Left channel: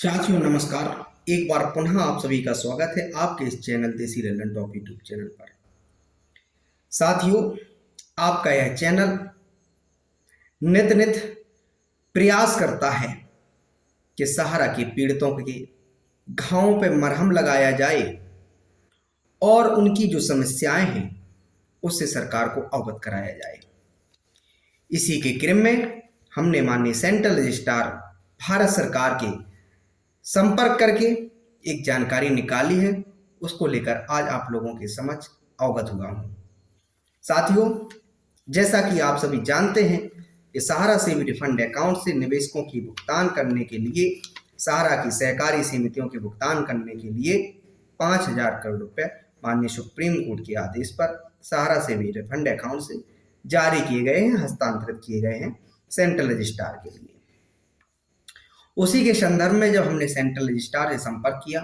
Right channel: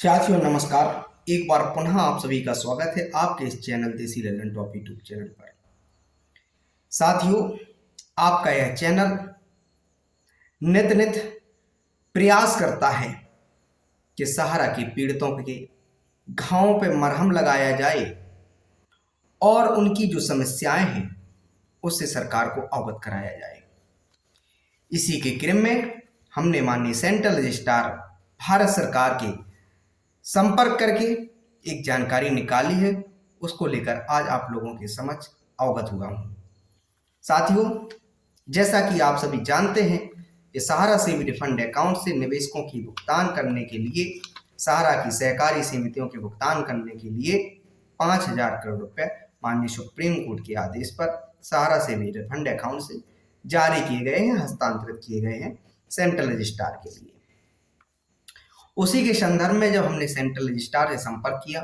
साथियों नमस्कार। एक बार पुनः आप सभी का स्वागत है आपके इस चैनल देसी लल्लन टॉप यूट्यूब चैनल पर। साथियों, आपका यह चैनल नित नित प्रयास करता है कि सहारा के पीड़ितों के घावों पर मरहम लगाया जाए और उनकी जो समस्याएं हैं उससे सरकार को अवगत कराया जाए। इसी के क्रम में हमने माननीय सेंट्रल रजिस्ट्रार भारत सरकार के संपर्क करके एक जानकारी निकाली है, उसको लेकर आज आप लोगों के समक्ष अवगत हुआ हूँ। साथियों, जैसा कि आप सभी जानते हैं कि सहारा सेविंग फंड अकाउंट से निवेशकों की भुगतान करने के लिए, सहारा की सहकारी समितियों के भुगतान करने के लिए 5,000 करोड़ रुपए माननीय सुप्रीम कोर्ट के आदेश पर सहारा सेविंग फंड अकाउंट से जारी किए गए हैं, हस्तांतरित किए गए हैं सेंट्रल रजिस्ट्रार के लिए। उसी के संदर्भ में जब हमने सेंट्रल रजिस्ट्रार से संपर्क किया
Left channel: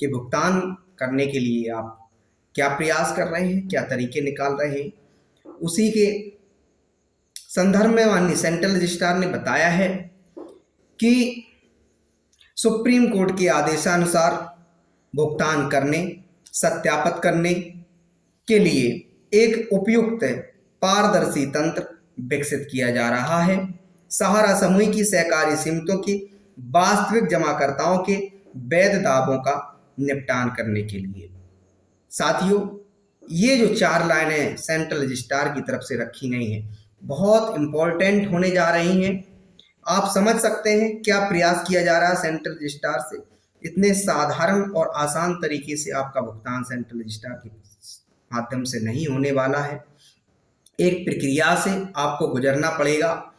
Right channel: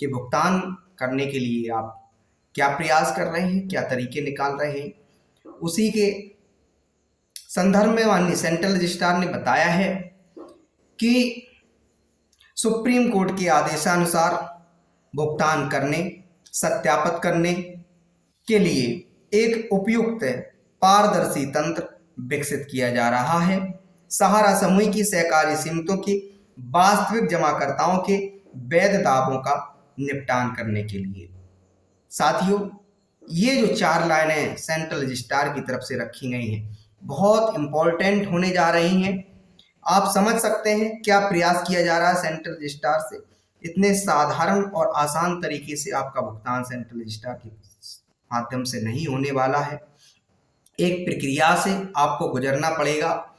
कि भुगतान करने के लिए आप क्या प्रयास कर रहे हैं, क्या तरीके निकाल रहे हैं, उसी के संदर्भ में माननीय सेंट्रल रजिस्ट्रार ने बताया है कि सुप्रीम कोर्ट के आदेशानुसार भुगतान करने, सत्यापित करने के लिए एक उपयुक्त पारदर्शी तंत्र विकसित किया जा रहा है। सहारा समूह की सहकारी समितियों की वास्तविक जमाकर्ताओं के वैध दावों का निपटान करने के लिए। साथियों, ये जो 4 लाइनें सेंट्रल रजिस्ट्रार की तरफ से रखी गई हैं बहुत इंपॉर्टेंट होने जा रही हैं। आप समझ सकते हैं क्या प्रयास किया जा रहा है सेंट्रल रजिस्ट्रार से। इतने साधारण और आसान तरीके से आपका भुगतान सेंट्रल रजिस्ट्रार के माध्यम से नहीं होने वाला है। एक प्रक्रिया से आपको गुजरना पड़ेगा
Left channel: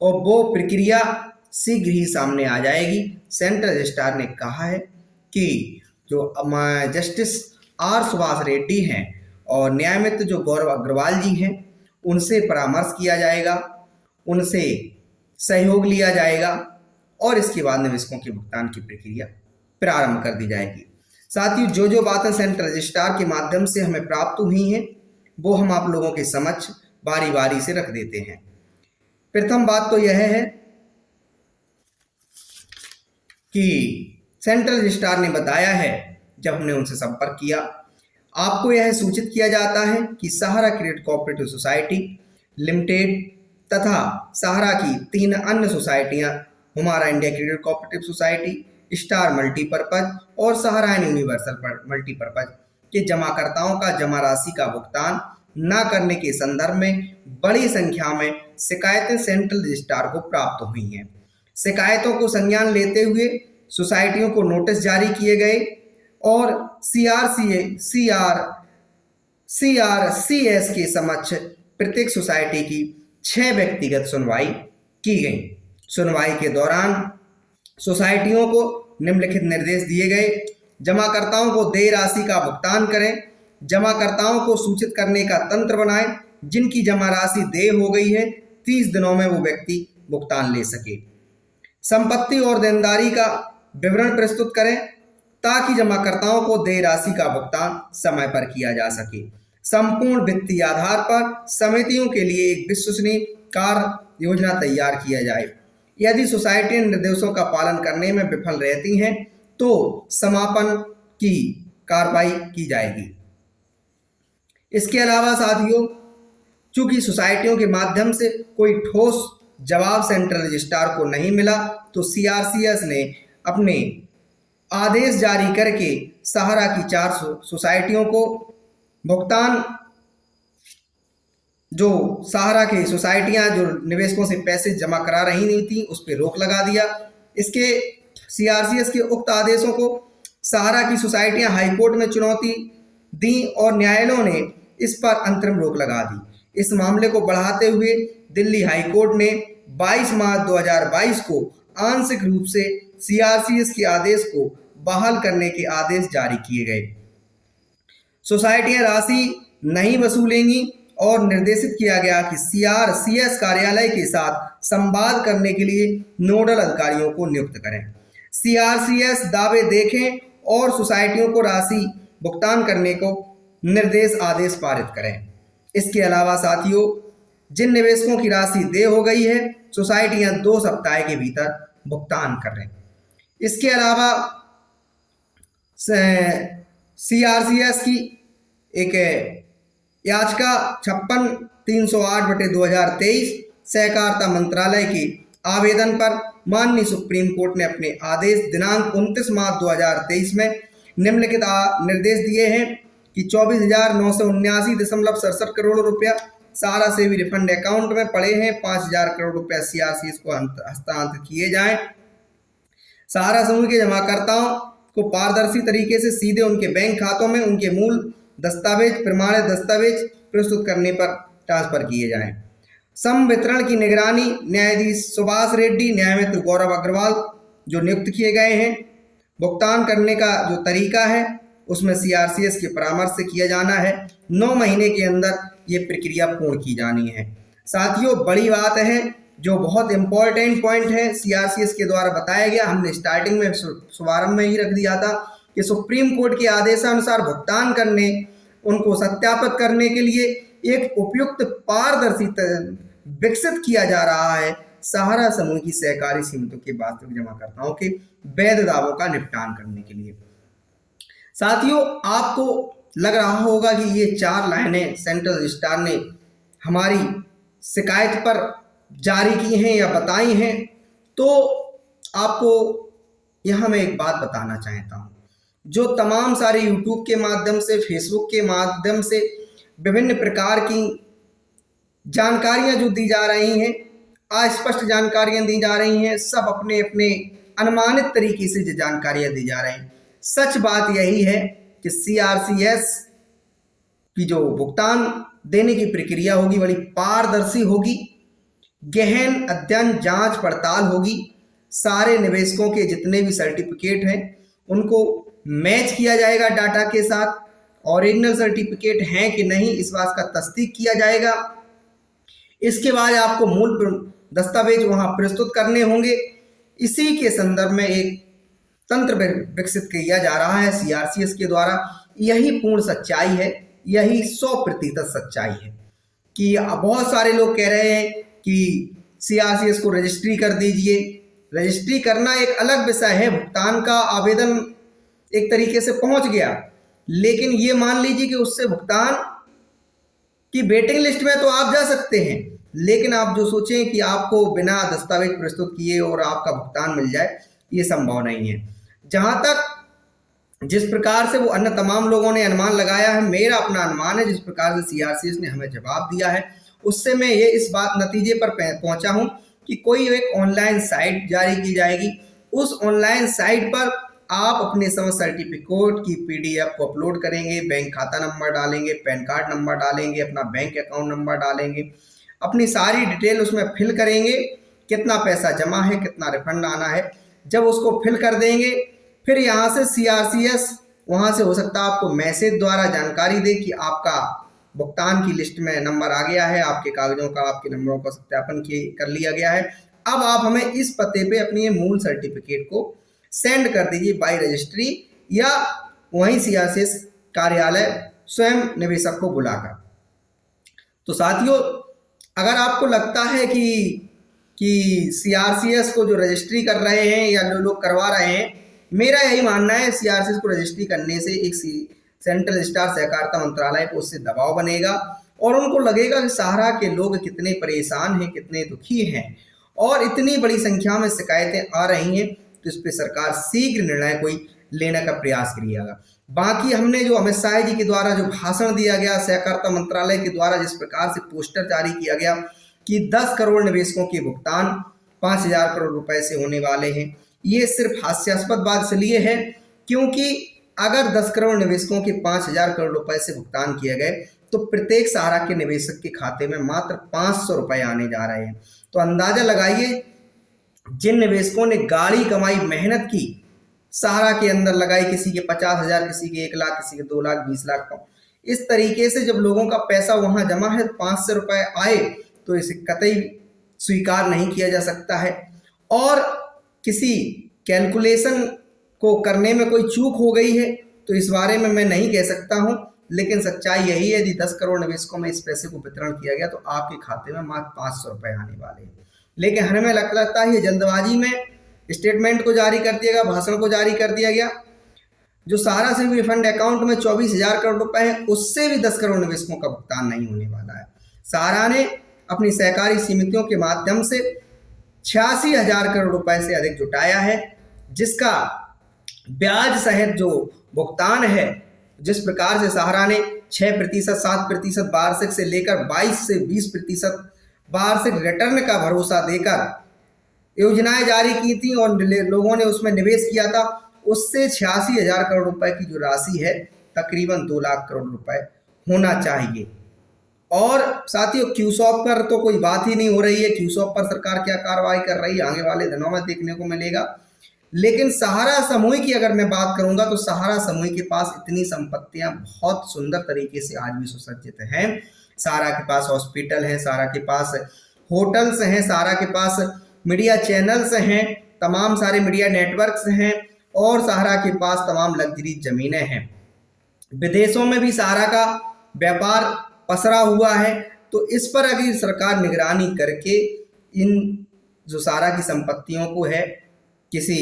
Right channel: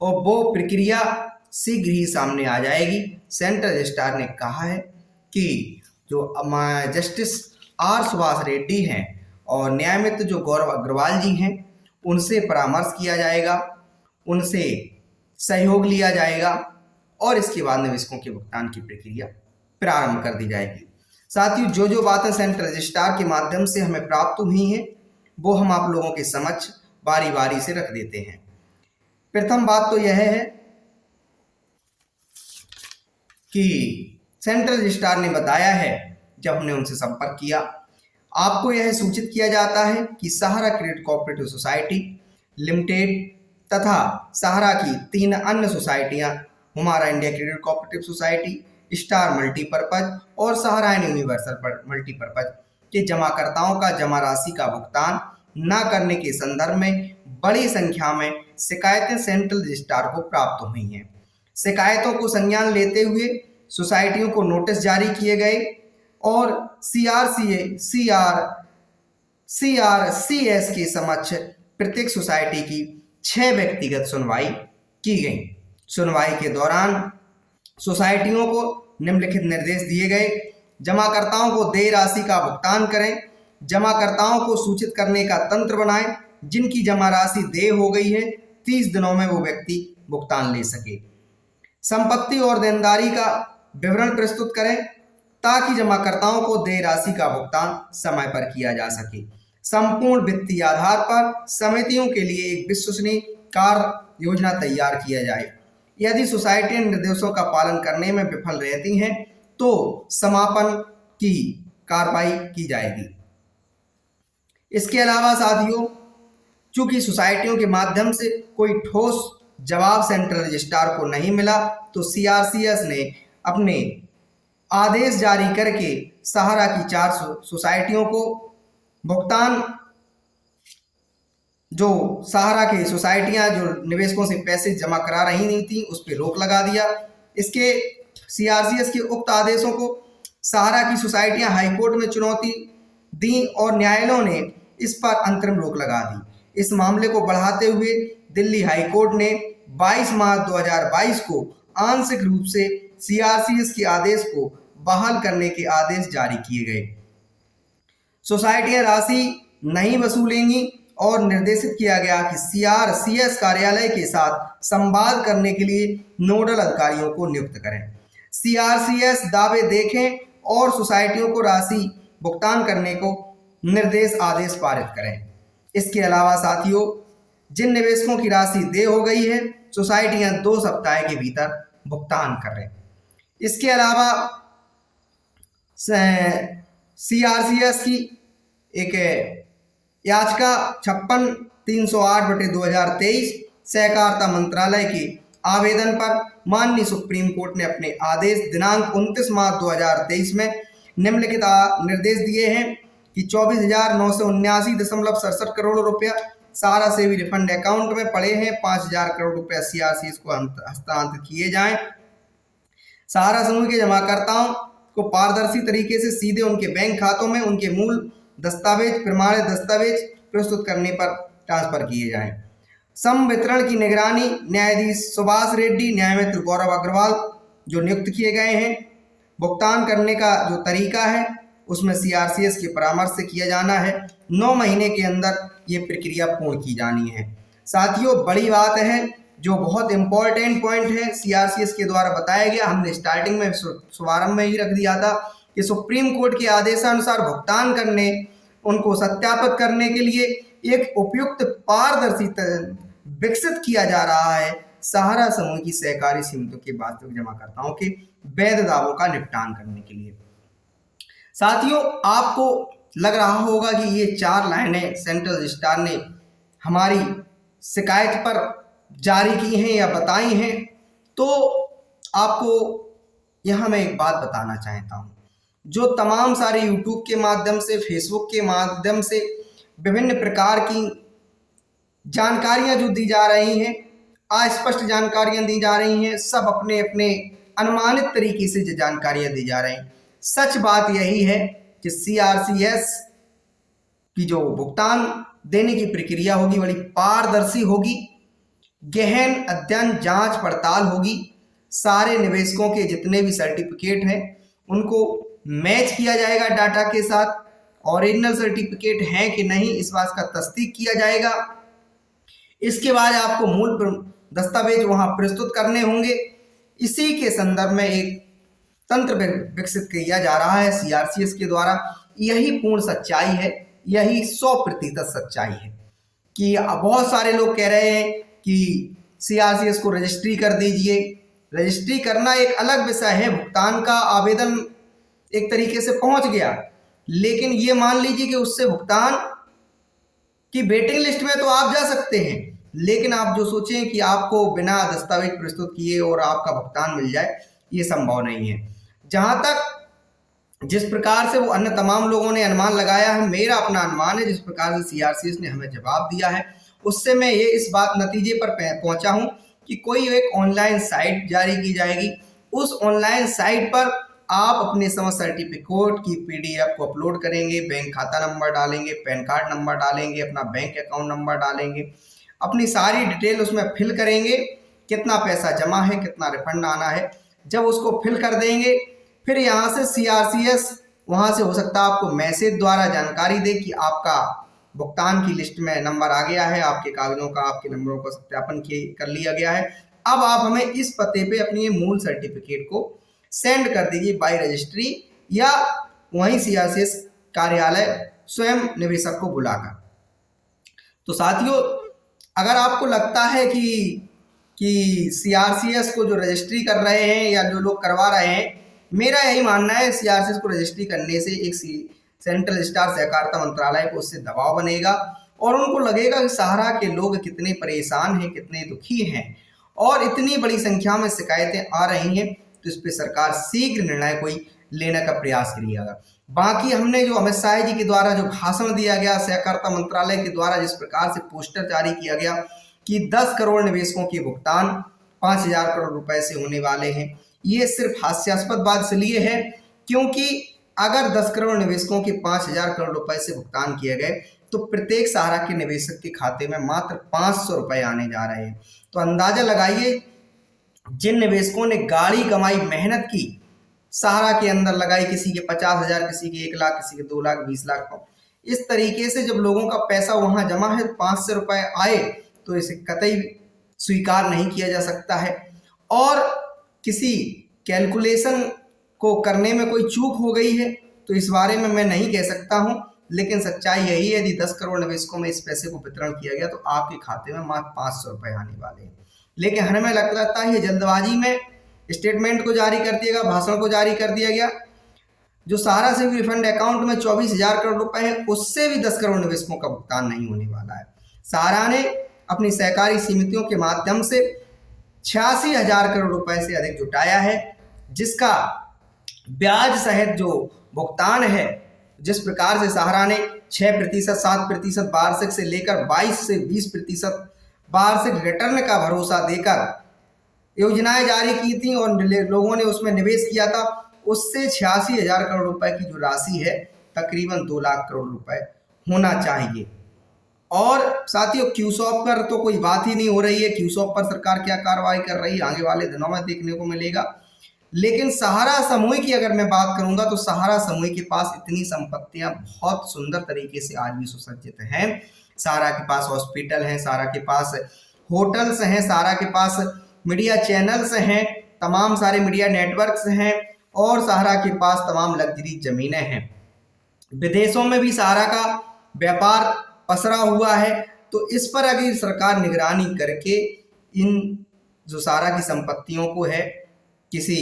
और वो प्रक्रिया शीघ्र ही सामने आ जाएगी। सेंट्रल रजिस्ट्रार ने कहा है कि जो जस्टिस आर सुभाष रेड्डी हैं और न्यायमित्र जो गौरव अग्रवाल जी हैं, उनसे परामर्श किया जाएगा, उनसे सहयोग लिया जाएगा और इसके बाद निवेशकों के भुगतान की प्रक्रिया प्रारंभ कर दी जाएगी। साथियों, जो जो बातें सेंट्रल रजिस्ट्रार के माध्यम से हमें प्राप्त हुई हैं वो हम आप लोगों के समक्ष बारी बारी से रख देते हैं। प्रथम बात तो यह है कि सेंट्रल रजिस्ट्रार ने बताया है, जब हमने उनसे संपर्क किया, आपको यह सूचित किया जाता है कि सहारा क्रेडिट कोऑपरेटिव सोसाइटी लिमिटेड तथा सहारा की 3 अन्य सोसाइटियां हमारा India credit cooperative society, star multipurpose और सहारा एंड यूनिवर्सल मल्टीपर्पज के जमाकर्ताओं का जमा राशि का भुगतान न करने के संदर्भ में बड़ी संख्या में शिकायतें सेंट्रल रजिस्ट्रार को प्राप्त हुई हैं। शिकायतों को संज्ञान लेते हुए सोसाइटियों को नोटिस जारी किए गए और CRCS के समक्ष प्रत्येक सोसाइटी की 6 व्यक्तिगत सुनवाई की गई। सुनवाई के दौरान सोसाइटियों को निम्नलिखित निर्देश दिए गए: जमाकर्ताओं को देय राशि का भुगतान करें, जमाकर्ताओं को सूचित करने का तंत्र बनाएं, जिनकी जमा राशि देय हो गई है 30 दिनों में वो व्यक्ति भुगतान ले सके, संपत्ति और देनदारी का विवरण प्रस्तुत करें ताकि जमाकर्ताओं को देय राशि का भुगतान समय पर किया जा सके, संपूर्ण वित्तीय आधार पर समितियों के लिए एक विश्वसनीय कार्य योजना तैयार किया जाए। यदि सोसाइटी निर्देशों का पालन करने में विफल रहती हैं तो समापन की कार्रवाई की जाएगी। इसके अलावा साथियों, चूंकि सोसाइटियों के माध्यम से कोई ठोस जवाब सेंट्रल रजिस्ट्रार को नहीं मिला तो CRCS ने अपने आदेश जारी करके सहारा की 4 सोसाइटियों को भुगतान, जो सहारा की सोसाइटियां जो निवेशकों से पैसे जमा करा रही नहीं थी उस पर रोक लगा दिया। इसके CRCS के उक्त आदेशों को सहारा की सोसाइटियां हाईकोर्ट में चुनौती दी और न्यायालयों ने इस पर अंतरिम रोक लगा दी। इस मामले को बढ़ाते हुए दिल्ली हाईकोर्ट ने 22 मार्च 2022 को आंशिक रूप से CRCS के आदेश को बहाल करने के आदेश जारी किए गए। सोसाइटियां राशि नहीं वसूलेंगी और निर्देशित किया गया कि CRCS कार्यालय के साथ संवाद करने के लिए नोडल अधिकारियों को नियुक्त करें। CRCS दावे देखें और सोसाइटियों को राशि भुगतान करने को निर्देश आदेश पारित करें। इसके अलावा साथियों, जिन निवेशकों की राशि देय हो गई है, सोसाइटियां 2 सप्ताह के भीतर भुगतान करें। इसके अलावा CRCS की एक याचिका 56/308/2023 सहकारिता मंत्रालय के आवेदन पर माननीय सुप्रीम कोर्ट ने अपने आदेश दिनांक 29 मार्च 2023 में निम्नलिखित निर्देश दिए हैं कि 24,979.67 करोड़ रुपया सारा से भी रिफंड अकाउंट में पड़े हैं। 5,000 करोड़ रुपया CRCS को हस्तांतरित किए जाएं। सहारा समूह के जमाकर्ताओं को पारदर्शी तरीके से सीधे उनके बैंक खातों में उनके मूल दस्तावेज प्रमाणित दस्तावेज प्रस्तुत करने पर ट्रांसफर किए जाएं। सम वितरण की निगरानी न्यायाधीश सुभाष रेड्डी, न्यायमित्र गौरव अग्रवाल जो नियुक्त किए गए हैं। भुगतान करने का जो तरीका है उसमें CRCS के परामर्श से किया जाना है। 9 महीने के अंदर ये प्रक्रिया पूर्ण की जानी है। साथियों, बड़ी बात है जो बहुत इंपॉर्टेंट पॉइंट है CRCS के द्वारा बताया गया, हमने स्टार्टिंग में शुभारंभ में ही रख दिया था कि सुप्रीम कोर्ट के आदेशानुसार भुगतान करने उनको सत्यापित करने के लिए एक उपयुक्त पारदर्शी विकसित किया जा रहा है सहारा समूह की सहकारी समितियों के वास्तविक जमाकर्ताओं के वैध दावों का निपटान करने के लिए। साथियों, आपको लग रहा होगा कि ये 4 लाइनें सेंट्रल रजिस्ट्रार ने हमारी शिकायत पर जारी की हैं या बताई हैं, तो आपको यहाँ मैं एक बात बताना चाहता हूँ। जो तमाम सारे यूट्यूब के माध्यम से, फेसबुक के माध्यम से विभिन्न प्रकार की जानकारियाँ जो दी जा रही हैं, अस्पष्ट जानकारियाँ दी जा रही हैं, सब अपने अपने अनुमानित तरीके से जो जानकारियाँ दी जा रही हैं। सच बात यही है कि CRCS की जो भुगतान देने की प्रक्रिया होगी बड़ी पारदर्शी होगी, गहन अध्ययन जांच पड़ताल होगी। सारे निवेशकों के जितने भी सर्टिफिकेट हैं उनको मैच किया जाएगा डाटा के साथ, ओरिजिनल सर्टिफिकेट हैं कि नहीं इस बात का तस्दीक किया जाएगा। इसके बाद आपको मूल दस्तावेज वहां प्रस्तुत करने होंगे। इसी के संदर्भ में एक तंत्र विकसित किया जा रहा है CRCS के द्वारा। यही पूर्ण सच्चाई है, यही 100% सच्चाई है कि बहुत सारे लोग कह रहे हैं कि CRCS को रजिस्ट्री कर दीजिए। रजिस्ट्री करना एक अलग विषय है, भुगतान का आवेदन एक तरीके से पहुंच गया, लेकिन ये मान लीजिए कि उससे भुगतान की वेटिंग लिस्ट में तो आप जा सकते हैं, लेकिन आप जो सोचें कि आपको बिना दस्तावेज प्रस्तुत किए और आपका भुगतान मिल जाए, ये संभव नहीं है। जहां तक जिस प्रकार से वो अन्य तमाम लोगों ने अनुमान लगाया है, मेरा अपना अनुमान है जिस प्रकार से CRCS ने हमें जवाब दिया है उससे मैं ये इस बात नतीजे पर पहुंचा हूं कि कोई एक ऑनलाइन साइट जारी की जाएगी। उस ऑनलाइन साइट पर आप अपने समस्त सर्टिफिकेट की PDF को अपलोड करेंगे, बैंक खाता नंबर डालेंगे, पैन कार्ड नंबर डालेंगे, अपना बैंक अकाउंट नंबर डालेंगे, अपनी सारी डिटेल उसमें फिल करेंगे, कितना पैसा जमा है, कितना रिफंड आना है। जब उसको फिल कर देंगे, फिर यहाँ से CRCS वहाँ से हो सकता है आपको मैसेज द्वारा जानकारी दे कि आपका भुगतान की लिस्ट में नंबर आ गया है, आपके कागजों का, आपके नंबरों का सत्यापन कर लिया गया है। अब आप हमें इस पते पे अपनी मूल सर्टिफिकेट को सेंड कर दीजिए बाई रजिस्ट्री या वहीं CRCS कार्यालय स्वयं निवेशक को बुलाकर। तो साथियों, अगर आपको लगता है कि CRCS को जो रजिस्ट्री कर रहे हैं या जो लोग करवा रहे हैं, मेरा यही मानना है CRCS को रजिस्ट्री करने से एक सेंट्रल रजिस्ट्रार सहकारिता मंत्रालय को उससे दबाव बनेगा और उनको लगेगा कि सहारा के लोग कितने परेशान हैं, कितने दुखी हैं और इतनी बड़ी संख्या में शिकायतें आ रही हैं, तो इस पर सरकार शीघ्र निर्णय कोई लेने का प्रयास करिएगा। बाकी हमने जो अमित शाह जी के द्वारा जो भाषण दिया गया, सहकारिता मंत्रालय के द्वारा जिस प्रकार से पोस्टर जारी किया गया कि 10 करोड़ निवेशकों के भुगतान 5,000 करोड़ रुपए से होने वाले हैं, ये सिर्फ हास्यास्पद बात इसलिए है क्योंकि अगर 10 करोड़ निवेशकों के 5,000 करोड़ रुपए से भुगतान किए गए तो प्रत्येक सहारा के निवेशक के खाते में मात्र 500 रुपए आने जा रहे हैं। तो अंदाजा लगाइए, जिन निवेशकों ने गाड़ी कमाई, मेहनत की, सहारा के अंदर लगाई, किसी के 50,000, किसी के 1 लाख, किसी के 2 लाख, 20 लाख, इस तरीके से जब लोगों का पैसा वहां जमा है, 500 रुपए आए तो इसे कतई स्वीकार नहीं किया जा सकता है। और किसी कैलकुलेशन को करने में कोई चूक हो गई है तो इस बारे में मैं नहीं कह सकता हूं, लेकिन सच्चाई यही है, यदि 10 करोड़ निवेशकों में इस पैसे को वितरण किया गया तो आपके खाते में मात्र 500 रुपए आने वाले हैं। लेकिन हमें लगता है ये जल्दबाजी में स्टेटमेंट को जारी कर दिया गया, भाषण को जारी कर दिया गया। जो सहारा से भी रिफंड अकाउंट में 24,000 करोड़ रुपए है, उससे भी 10 करोड़ निवेशकों का भुगतान नहीं होने वाला है। सहारा ने अपनी सहकारी समितियों के माध्यम से 86,000 करोड़ रुपए से अधिक जुटाया है, जिसका ब्याज सहित जो भुगतान है, जिस प्रकार से सहारा ने 6%, 7% वार्षिक से लेकर 22 से 20% वार्षिक रिटर्न का भरोसा देकर योजनाएं जारी की थी और लोगों ने उसमें निवेश किया था, उससे 86,000 करोड़ रुपए की जो राशि है तकरीबन 2 लाख करोड़ रुपए होना चाहिए। और साथियों, क्यूसॉप पर तो कोई बात ही नहीं हो रही है। क्यूसॉप पर सरकार क्या कार्रवाई कर रही है आगे वाले दिनों में देखने को मिलेगा। लेकिन सहारा समूह की अगर मैं बात करूंगा तो सहारा समूह के पास इतनी संपत्तियां बहुत सुंदर तरीके से आज भी सुसज्जित हैं। सहारा के पास हॉस्पिटल है, सहारा के पास होटल्स हैं, सहारा के पास मीडिया चैनल्स हैं, तमाम सारे मीडिया नेटवर्क्स हैं और सहारा के पास तमाम लग्जरी जमीनें हैं। विदेशों में भी सहारा का व्यापार पसरा हुआ है। तो इस पर अगर सरकार निगरानी करके इन जो सहारा की संपत्तियों को है किसी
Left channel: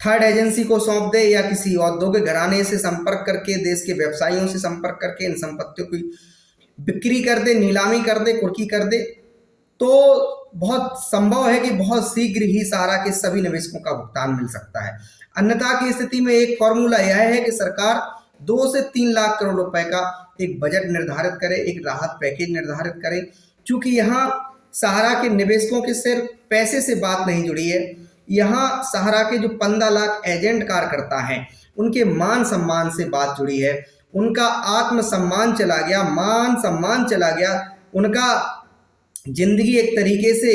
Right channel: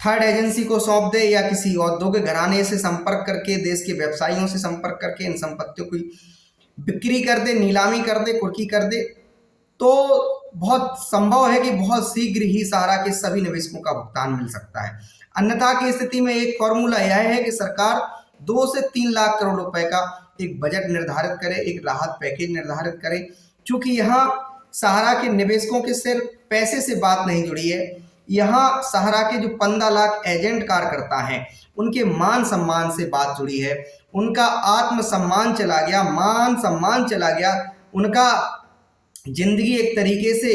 थर्ड एजेंसी को सौंप दे या किसी औद्योगिक घराने से संपर्क करके, देश के व्यवसायियों से संपर्क करके इन संपत्तियों की बिक्री कर दे, नीलामी कर दे, कुर्की कर दे, तो बहुत संभव है कि बहुत शीघ्र ही सहारा के सभी निवेशकों का भुगतान मिल सकता है। अन्यथा की स्थिति में एक फॉर्मूला यह है कि सरकार 2 से 3 लाख करोड़ रुपए का एक बजट निर्धारित करे, एक राहत पैकेज निर्धारित करे। चूंकि यहाँ सहारा के निवेशकों के सिर्फ पैसे से बात नहीं जुड़ी है, यहाँ सहारा के जो 15 लाख एजेंट कार्यकर्ता हैं उनके मान सम्मान से बात जुड़ी है। उनका आत्मसम्मान चला गया, मान सम्मान चला गया, उनका जिंदगी एक तरीके से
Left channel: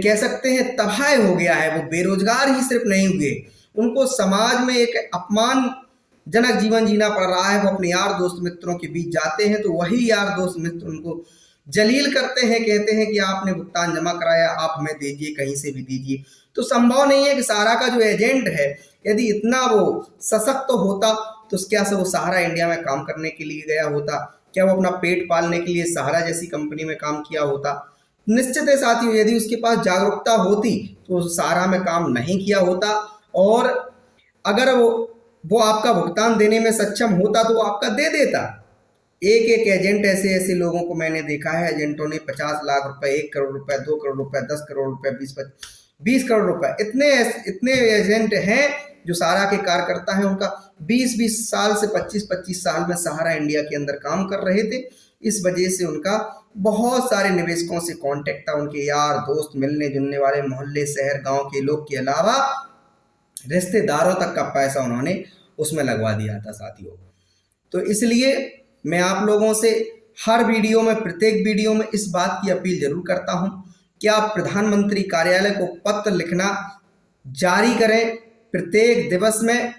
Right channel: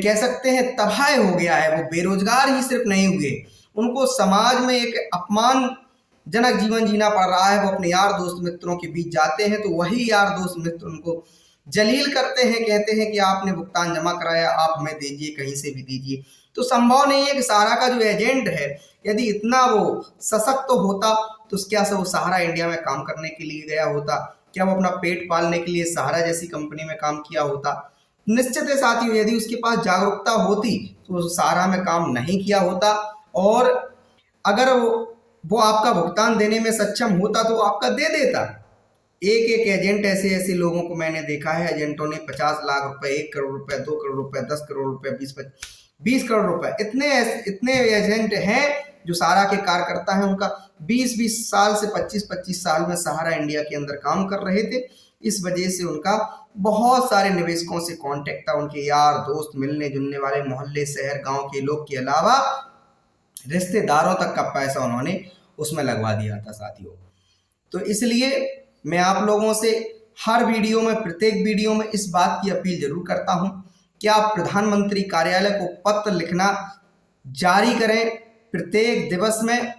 कह सकते हैं तबाह हो गया है। वो बेरोजगार ही सिर्फ नहीं हुए, उनको समाज में एक अपमानजनक जीवन जीना पड़ रहा है। वो अपने यार दोस्त मित्रों के बीच जाते हैं तो वही यार दोस्त मित्र उनको जलील करते हैं, कहते हैं कि आपने भुगतान जमा कराया, आप हमें दीजिए, कहीं से भी दीजिए। तो संभव नहीं है कि सहारा का जो एजेंट है यदि इतना वो सशक्त होता तो क्या से वो सहारा इंडिया में काम करने के लिए गया होता? क्या वो अपना पेट पालने के लिए सहारा जैसी कंपनी में काम किया होता? निश्चित है साथियों, यदि उसके पास जागरूकता होती तो सहारा में काम नहीं किया होता। और अगर वो आपका भुगतान देने में सक्षम होता तो वो आपका दे देता। एक एक एजेंट ऐसे लोगों को मैंने देखा है, एजेंटों ने 50 लाख रुपए, 1 करोड़ रुपए, 2 करोड़ रुपए, 10 करोड़ रुपए, 20 करोड़ रुपए, इतने एजेंट हैं जो सहारा के कार्यकर्ता हैं। उनका 20 साल से 25 साल में सहारा इंडिया के अंदर काम कर रहे थे। इस वजह से उनका बहुत सारे निवेशकों से कांटेक्ट था, उनके यार दोस्त, मिलने जुलने वाले, मोहल्ले शहर गांव के लोग के अलावा रिश्तेदारों तक का पैसा उन्होंने उसमें लगवा दिया था साथियों। तो इसलिए मैं आप लोगों से हर वीडियो में, प्रत्येक वीडियो में इस बात की अपील जरूर करता हूं कि आप प्रधानमंत्री कार्यालय को पत्र लिखना जारी करें। प्रत्येक दिवस में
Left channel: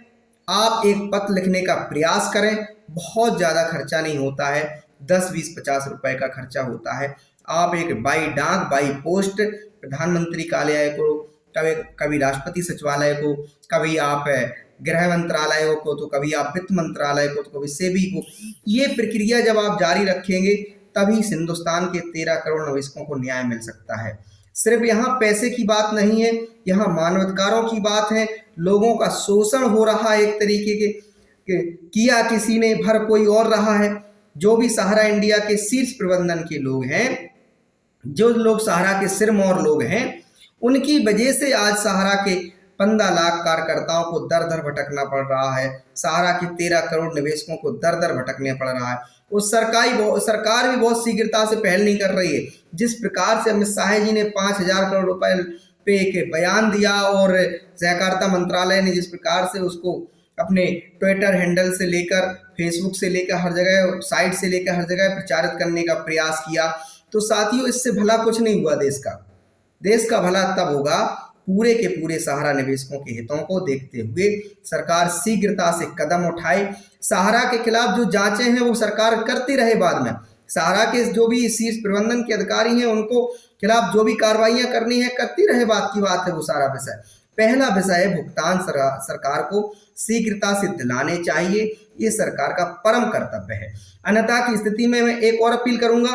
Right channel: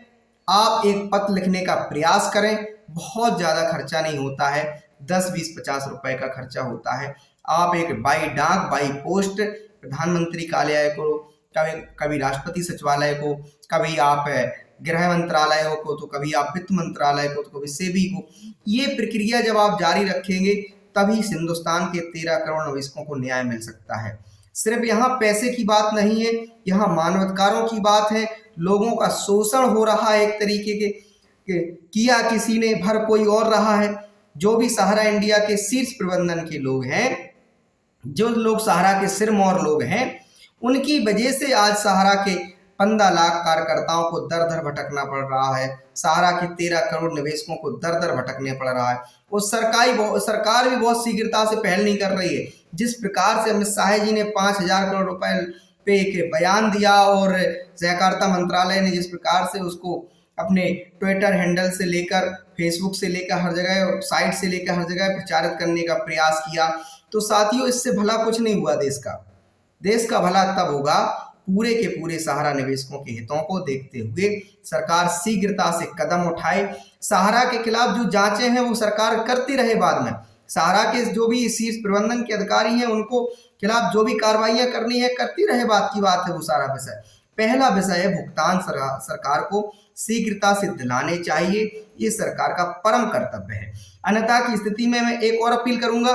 आप एक पत्र लिखने का प्रयास करें। बहुत ज़्यादा खर्चा नहीं होता है, 10, 20, 50 रुपए का खर्चा होता है। आप एक बाई डाक, बाई पोस्ट प्रधानमंत्री कार्यालय को, कभी राष्ट्रपति सचिवालय को, कभी आप गृह मंत्रालय को, तो कभी आप वित्त मंत्रालय को, तो कभी सेबी को, ये प्रक्रिया जब आप जारी रखेंगे तभी हिंदुस्तान के 13 करोड़ निवेशकों को न्याय मिल सकता है। सिर्फ यहाँ पैसे की बात नहीं है, यहाँ मानवाधिकारों की बात है। लोगों का शोषण हो रहा है एक तरीके के किया किसी ने, भर कोई और रहा है। जो भी सहारा इंडिया के शीर्ष प्रबंधन के लोग हैं, जो लोग सहारा के सिरमौर लोग हैं, उनकी वजह से आज सहारा के 15 लाख कार्यकर्ताओं को दर दर भटकना पड़ रहा है। सहारा के 13 करोड़ निवेशकों को दर दर भटकने पड़ रहा है। वो सरकार भी बहुत शीघ्रता से पहल नहीं कर रही है। जिस प्रकार से अमित शाह जी ने 5,000 करोड़ रुपए पे एक बयान दिया और सहकारिता मंत्रालय ने जिस प्रकार से उसको अपने ट्विटर हैंडल से लेकर, फेसबुक से लेकर हर जगह, साइट से लेकर हर जगह प्रचारित करने का प्रयास किया, तो साथियों इससे भला कुछ नहीं हुआ। देश का भला तब होगा पूरे के पूरे सहारा निवेशकों के हितों को देखते हुए सरकार शीघ्रता से कदम उठाए। सहारा के खिलाफ जो जांचें हैं वो सरकार करती रहे। बाद में सहारा के जो भी शीर्ष प्रबंधन के अधिकारी हैं उनको खिलाफ जो भी कार्रवाइयां करनी है करती रहे, बात की बात है वो सारा विषय। पहला विषय है भुगतान सरकार को शीघ्रता से दिलाने चाहिए, ये सरकार का परम कर्तव्य है। अन्यथा की स्थिति में मैं एक और अपील करूंगा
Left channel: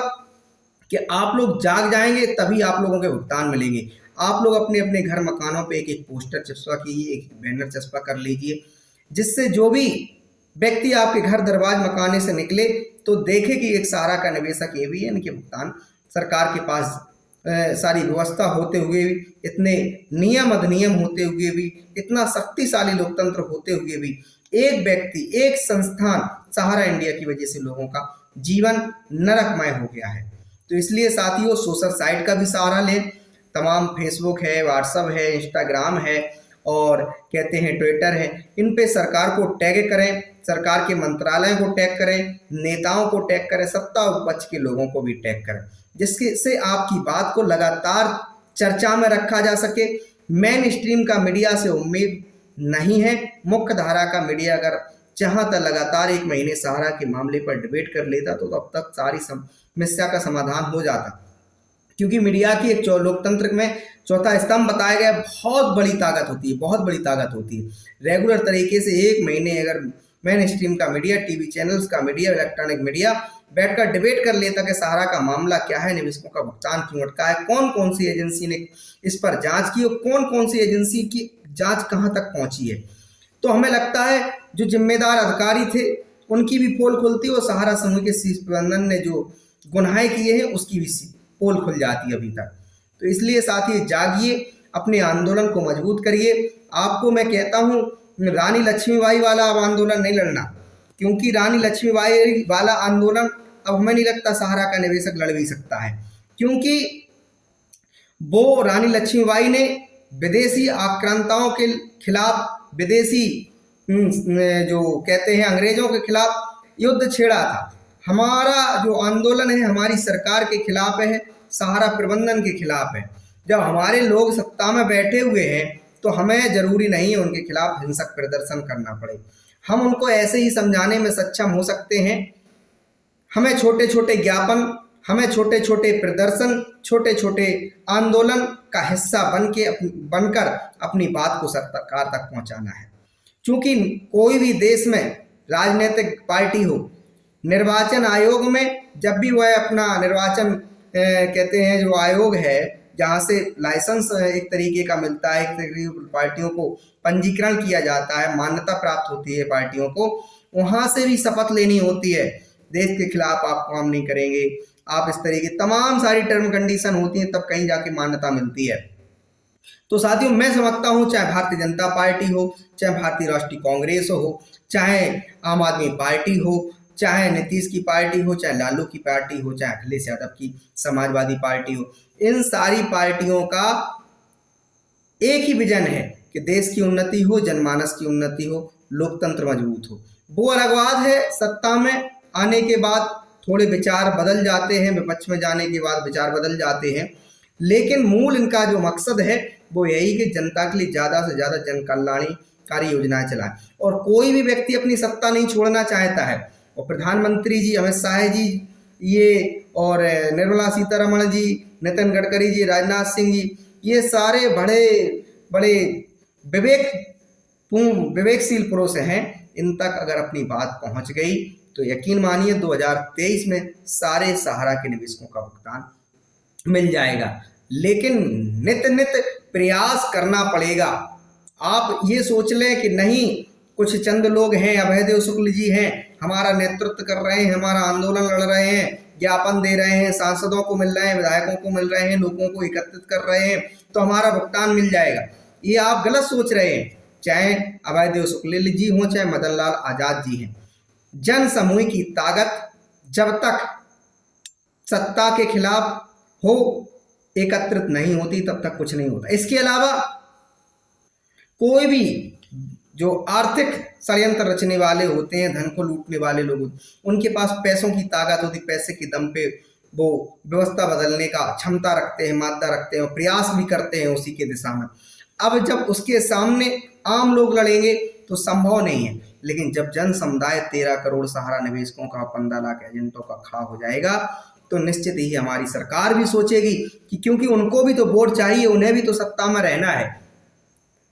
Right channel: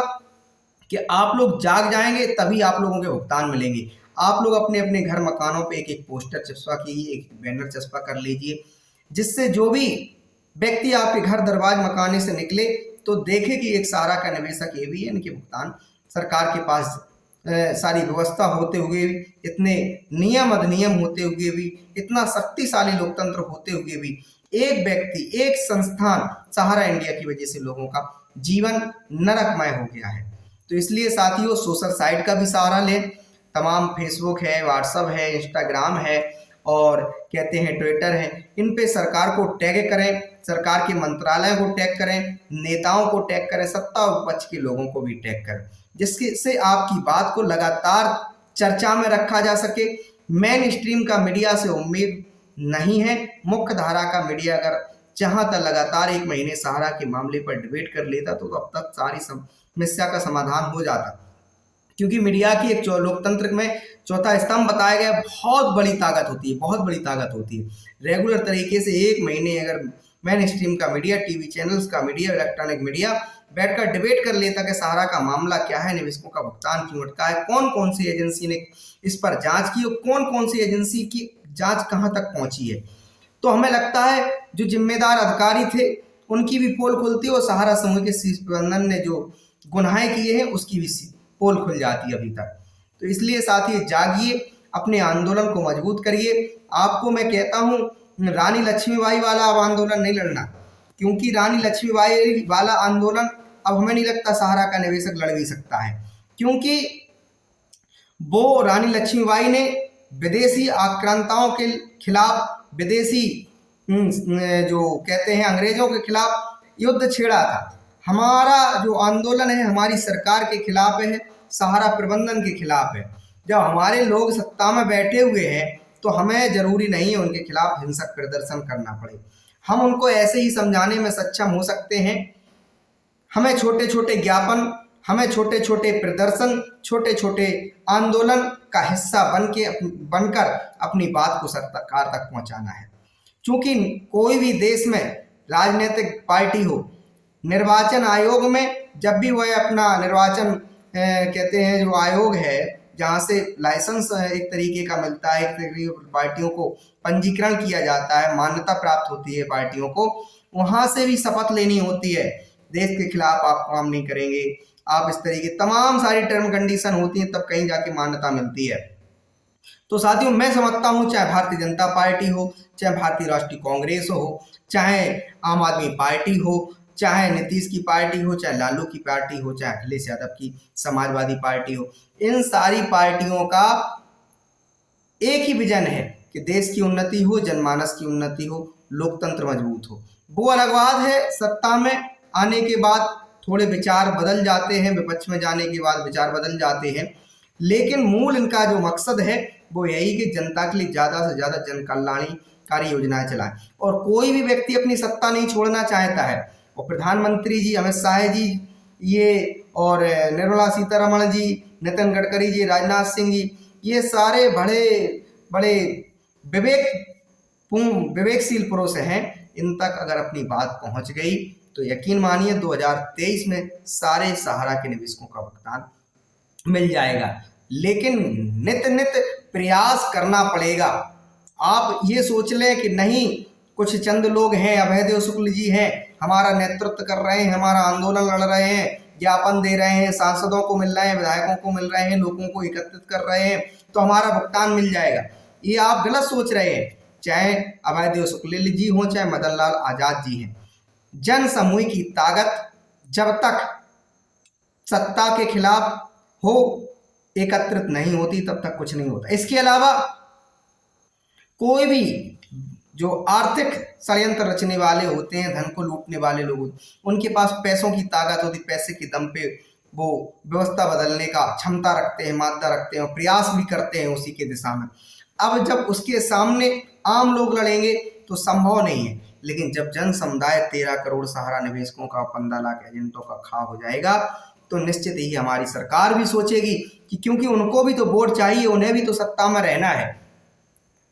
कि आप लोग जाग जाएंगे तभी आप लोगों के भुगतान मिलेंगे। आप लोग अपने अपने घर मकानों पे एक एक पोस्टर चिपका कीजिए, एक बैनर चिपका कर लीजिए, जिससे जो भी व्यक्ति आपके घर दरवाज मकाने से निकले तो देखे कि एक सहारा का निवेशक ये भी है, इनके भुगतान सरकार के पास सारी व्यवस्था होते हुए भी, इतने नियम अधिनियम होते हुए भी, इतना शक्तिशाली लोकतंत्र होते हुए भी एक व्यक्ति, एक संस्थान सहारा इंडिया की वजह से लोगों का जीवन नरकमय हो गया है। तो इसलिए साथियों, सोशल साइट का भी सहारा लें। तमाम फेसबुक है, व्हाट्सअप है, इंस्टाग्राम है और कहते हैं ट्विटर है, इन पे सरकार को टैग करें, सरकार के मंत्रालयों को टैग करें, नेताओं को टैग करें, सत्ता विपक्ष के लोगों को भी टैग करें, जिसके से आपकी बात को लगातार चर्चा में रखा जा सके। मेन स्ट्रीम का मीडिया से उम्मीद नहीं है, मुख्य धारा का मीडिया अगर चाहता लगातार एक महीने सहारा के मामले पर डिबेट कर लेता तो अब तक सारी समस्या का समाधान हो जाता, क्योंकि मीडिया की एक लोकतंत्र में चौथा स्तंभ बताया गया, बहुत बड़ी ताकत होती है, बहुत बड़ी ताकत होती है। रेगुलर तरीके से एक महीने अगर मेन स्ट्रीम का मीडिया, टीवी चैनल्स का मीडिया, इलेक्ट्रॉनिक मीडिया बैठकर डिबेट कर लेता कि सहारा का मामला क्या है, निवेशकों का भुगतान क्यों अटका है, कौन कौन सी एजेंसी ने इस पर जांच की और कौन कौन सी एजेंसी की जांच कहां तक पहुंची है, तो हमें लगता है जो जिम्मेदार अधिकारी थे उनकी भी पोल खुलती और सहारा समूह के शीर्ष प्रबंधन ने जो गुनाहें किए हैं उसकी भी पोल खुल जाती अभी तक। तो इसलिए साथी जागिए, अपने आंदोलन को मजबूत करिए। आपको मैं कहता हूँ, रानी लक्ष्मीबाई वाला अब आंदोलन नहीं लड़ना, क्योंकि रानी लक्ष्मीबाई वाला आंदोलन अब हमें नहीं लगता सहारा का निवेशक लड़ भी सकता है, क्योंकि वो रानी लक्ष्मीबाई ने विदेशी आक्रांताओं के खिलाफ, विदेशी जो कहते हैं अंग्रेजों के खिलाफ युद्ध छेड़ा था। हमारा जो आंदोलन है हमारी सरकार के खिलाफ है, सहारा प्रबंधन के खिलाफ है। जब हमारे लोग सत्ता में बैठे हुए हैं तो हमें जरूरी नहीं है उनके खिलाफ हिंसक प्रदर्शन करना पड़े, हम उनको ऐसे ही समझाने में सक्षम हो सकते हैं। हमें छोटे छोटे ज्ञापन, हमें छोटे छोटे प्रदर्शन, छोटे छोटे आंदोलन का हिस्सा बनकर अपनी बात को सरकार तक पहुंचाना है। क्योंकि कोई भी देश में राजनीतिक पार्टी हो, निर्वाचन आयोग में जब भी वह अपना निर्वाचन कहते हैं जो आयोग है जहाँ से लाइसेंस एक तरीके का मिलता है, एक तरीके पार्टियों को पंजीकरण किया जाता है, मान्यता प्राप्त होती है पार्टियों को, वहाँ से भी शपथ लेनी होती है, देश के खिलाफ आप काम नहीं करेंगे, आप इस तरीके तमाम सारी टर्म कंडीशन होती हैं, तब कहीं जाके मान्यता मिलती है। तो साथियों, मैं समझता हूँ चाहे भारतीय जनता पार्टी हो, चाहे भारतीय राष्ट्रीय कांग्रेस हो, चाहे आम आदमी पार्टी हो, चाहे नीतीश की पार्टी हो, चाहे लालू की पार्टी हो, चाहे अखिलेश यादव की समाजवादी पार्टी हो, इन सारी पार्टियों का एक ही विजन है कि देश की उन्नति हो, जनमानस की उन्नति हो, लोकतंत्र मजबूत हो। वो अलग बात है सत्ता में आने के बाद थोड़े विचार बदल जाते हैं, विपक्ष में जाने के बाद विचार बदल जाते हैं, लेकिन मूल इनका जो मकसद है वो यही कि जनता के लिए ज़्यादा से ज़्यादा जन कल्याणकारी योजनाएं चलाएं। और कोई भी व्यक्ति अपनी सत्ता नहीं छोड़ना चाहता है, और प्रधानमंत्री जी अमित शाह जी ये, और निर्मला सीतारमण जी, नितिन गडकरी जी, राजनाथ सिंह जी, ये सारे बड़े बड़े विवेकशील पुरुष हैं। इन तक अगर अपनी बात पहुंच गई तो यकीन मानिए 2023 में सारे सहारा के निवेशकों का भुगतान मिल जाएगा। लेकिन नित नित प्रयास करना पड़ेगा। आप ये सोच लें कि नहीं कुछ चंद लोग हैं, अभयदेव शुक्ल जी हैं, हमारा नेतृत्व कर रहे हैं, हमारा आंदोलन लड़ रहे हैं, ज्ञापन दे रहे हैं, सांसदों को मिल रहे हैं, विधायकों को मिल रहे हैं, लोगों को एकत्रित कर रहे हैं, तो हमारा भुगतान मिल जाएगा। ये आप गलत सोच रहे हैं। चाहे अभयदेव शुक्ल जी हों, चाहे मदन लाल आजाद जी हैं, जन समूह की ताकत जब तक सत्ता के खिलाफ हो, एकत्रित नहीं होती, तब तक कुछ नहीं होता। इसके अलावा कोई भी जो आर्थिक षड्यंत्र रचने वाले होते हैं, धन को लूटने वाले लोग, उनके पास पैसों की ताकत होती, पैसे के दम पे वो व्यवस्था बदलने का क्षमता रखते हैं, मादा रखते हैं और प्रयास भी करते हैं उसी के दिशा में। अब जब उसके सामने आम लोग लड़ेंगे तो संभव नहीं है, लेकिन जब जन समुदाय 13 करोड़ सहारा निवेशकों का, 15 लाख एजेंटों का खा हो जाएगा, तो निश्चित ही हमारी सरकार भी सोचेगी कि क्योंकि उनको भी तो वोट चाहिए, उन्हें भी तो सत्ता में रहना है,